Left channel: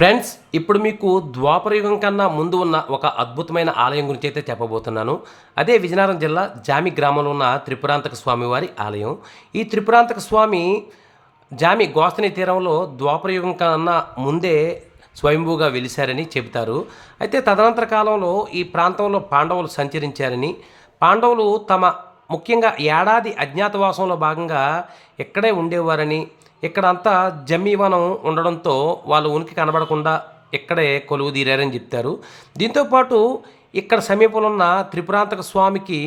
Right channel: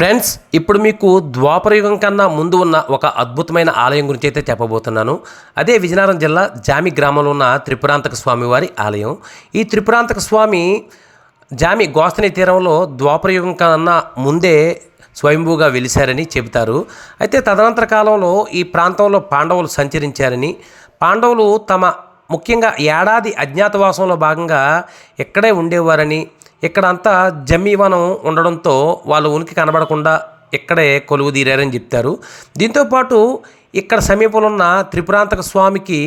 Friends, ఇప్పుడు మీకు ద్వాపరయుగం కన్నా ముందు ఉన్న ఒక అద్భుతమైన ఆలయం గురించి అయితే చెప్పబోతున్నాను. అదే విజయనగరం జిల్లా జామి గ్రామంలో ఉన్న త్రిపురాంతక స్వామివారి ఆలయం. ఈ త్రిపురాంతక స్వామి జామి గోస్తని తీరంలో ద్వాపరయుగం కన్నా ముందే స్వయంభూగా వెలిశారని చెబుతారు. అయితే తదనంతర కాలంలో ఈ ప్రాంతంలో పాండవులు సంచరించారని, పాండవులు ముఖ్యంగా ఏడాది అజ్ఞాతవాసంలో భాగంగా ఇక్కడే ఉండేవారని, ఇక్కడంతా జమ్మీవనం ఉండడంతో వాళ్ళ ఉనికి కనబడకుండా ఇక్కడే కొలువు తీరారని చెప్తారు. దీంతోపాటు ఇక్కడ సమీపంలో ఉన్న త్రిపురాంతక స్వామికి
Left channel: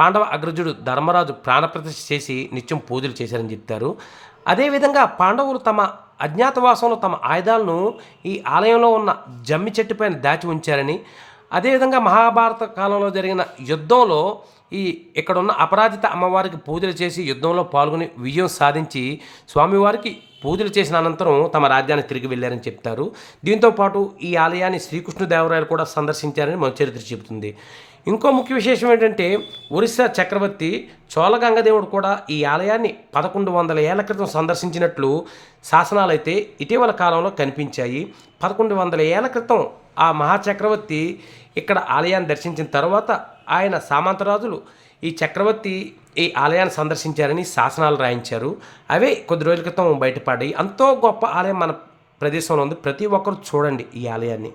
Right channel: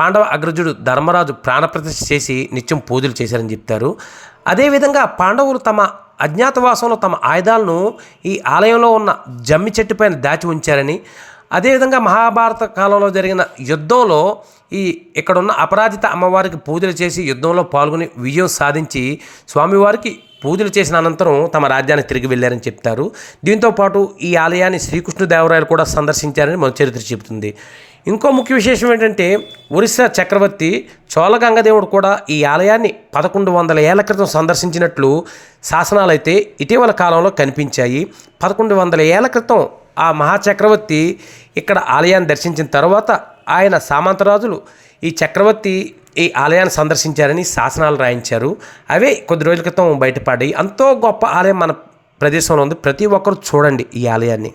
పాండవ అగ్రజుడు ధర్మరాజు ప్రాణప్రతిష్ఠ చేసి నిత్యం పూజలు చేశారని చెప్తారు. అదేవిధంగా పాండవులు తమ అజ్ఞాతవాసంలో తమ ఆయుధాలను ఈ ఆలయంలో ఉన్న జమ్మి చెట్టు పైన దాచి ఉంచారని, అదేవిధంగా మహాభారత కాలంలో జరిగిన యుద్ధంలో ఇక్కడున్న అపరాజిత అమ్మవారికి పూజలు చేసి యుద్ధంలో పాల్గొని విజయం సాధించి స్వామివారికి పూజలు చేసిన అనంతరం తమ రాజ్యానికి తిరిగి వెళ్ళారని చెప్తారు. దీంతోపాటు ఈ ఆలయాన్ని శ్రీకృష్ణదేవరాయలు కూడా సందర్శించారని మన చరిత్ర చెబుతుంది. ఇంకో ముఖ్య విశేషం ఏంటంటే, ఒరిస్సా చక్రవర్తి చోళగంగదేవుడు కూడా ఈ ఆలయాన్ని 1100 ఏళ్ల క్రితం సందర్శించినట్లు శాసనాలైతే ఇటీవల కాలంలో కనిపించాయి. 1100 ఏళ్ల క్రితం ఆ మహాచక్రవర్తి ఇక్కడ ఆలయాన్ని దర్శించిన తర్వాత ఆయన సామంతరాజులు ఈ చక్రవర్తి ఈ ఆలయాన్ని సందర్శించారని శాసనాలు రాయించారు. అవే కొద్ది రోజుల క్రితం బయటపడ్డాయి. ఎంతో గొప్ప ఆలయం మన ప్రదేశంలో ఉంది. ప్రతి ఒక్కరు చూడండి ఈ ఆలయాన్ని.